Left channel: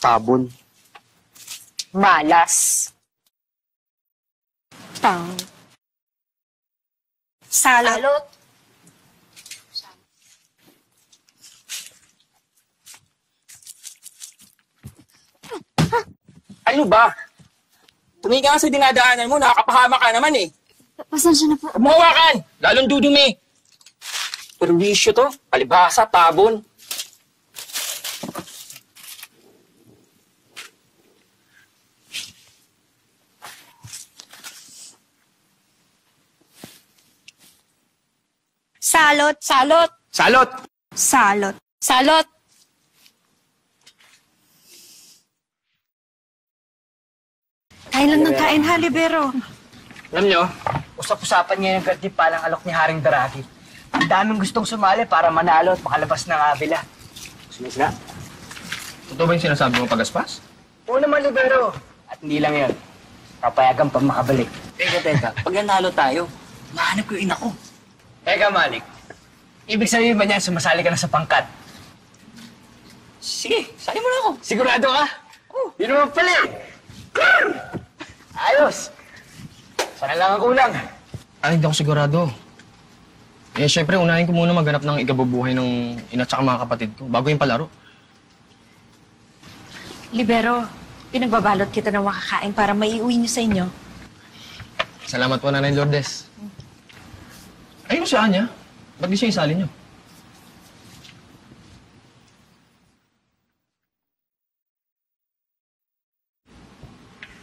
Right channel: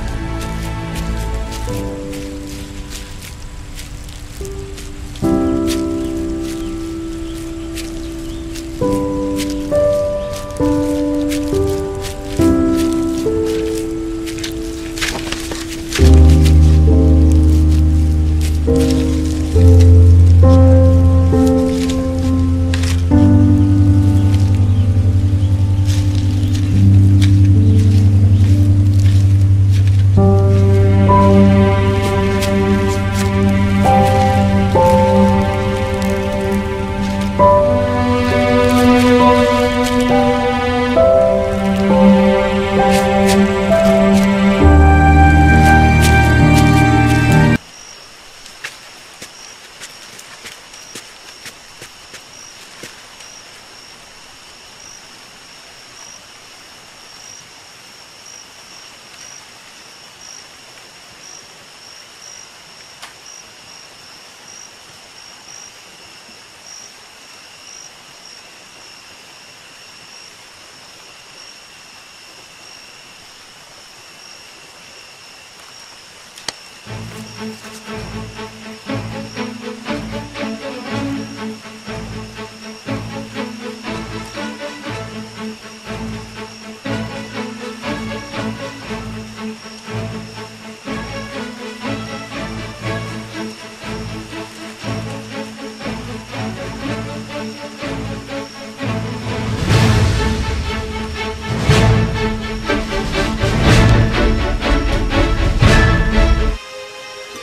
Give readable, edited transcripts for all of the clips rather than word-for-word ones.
Tabon. Malas. Tao. Salot. Ano ba? Tumigil ka sa dinadaanan mo, nakakapahama ka naman eh. Pasensya na po. Mawakan! Lalong dudumi! Perwisyo to, palipasa, tabon. Salot. Salot. Salot! Salot. Salot. Kain lang ng kain ha, Libero. Alam nyo, usap-usapan niya yung palang alok ni Haring Daraki. Ang daming gustong sumali para manalo at makalabas ng abila. Sinisla. Totoo ba yung sinasabi mo pagaspas? Oo naman, Libero. At hindi lang yun. Papayagan pa makabalik. Teka. Pag nanalo tayo, mahanap ko yung ina ko. Teka, Malik. Ibig sabihin ba niya sumasali ka na sa pangkat? Sige, sali mo na ako. Sigurado ka? Yun naman pala eh. Ayos. Sana lang ang ulang. Ay, hindi ako sigurado. Eh, syempre, unahin ko muna maghanap ng ikabubuhay ng ina at mga kapatid bago yung palaro. Libero, pinagbabalot kita ng makakain para may iuwi niyo sa inyo. Salamat po, Nanay Lourdes. Ayun siya, Anya. Ba't di siya isali mo?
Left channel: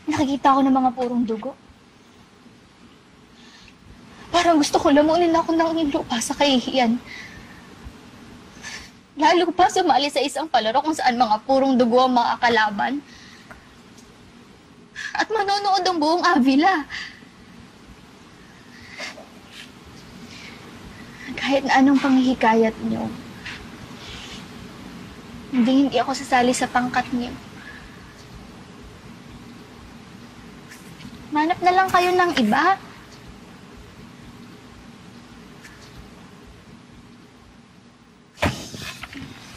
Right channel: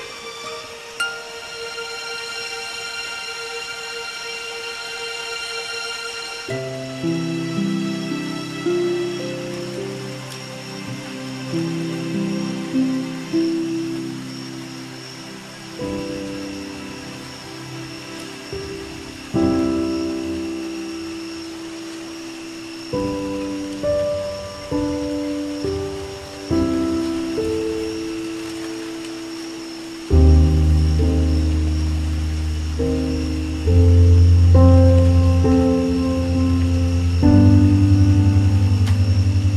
Nakikita ko ng mga purong dugo. Parang gusto ko lamunin ako ng libro pa sa kahihiyan. Lalo pa sumali sa isang palaro kung saan mga purong dugo ang mga kalaban. At manonood ang buong Avila. Kahit na anong panghihikayat mo, hindi ako sasali sa pangkat niyo. Manap na lang kayo ng iba.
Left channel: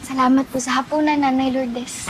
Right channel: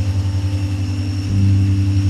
Salamat po sa hapunan, Nanay Lourdes.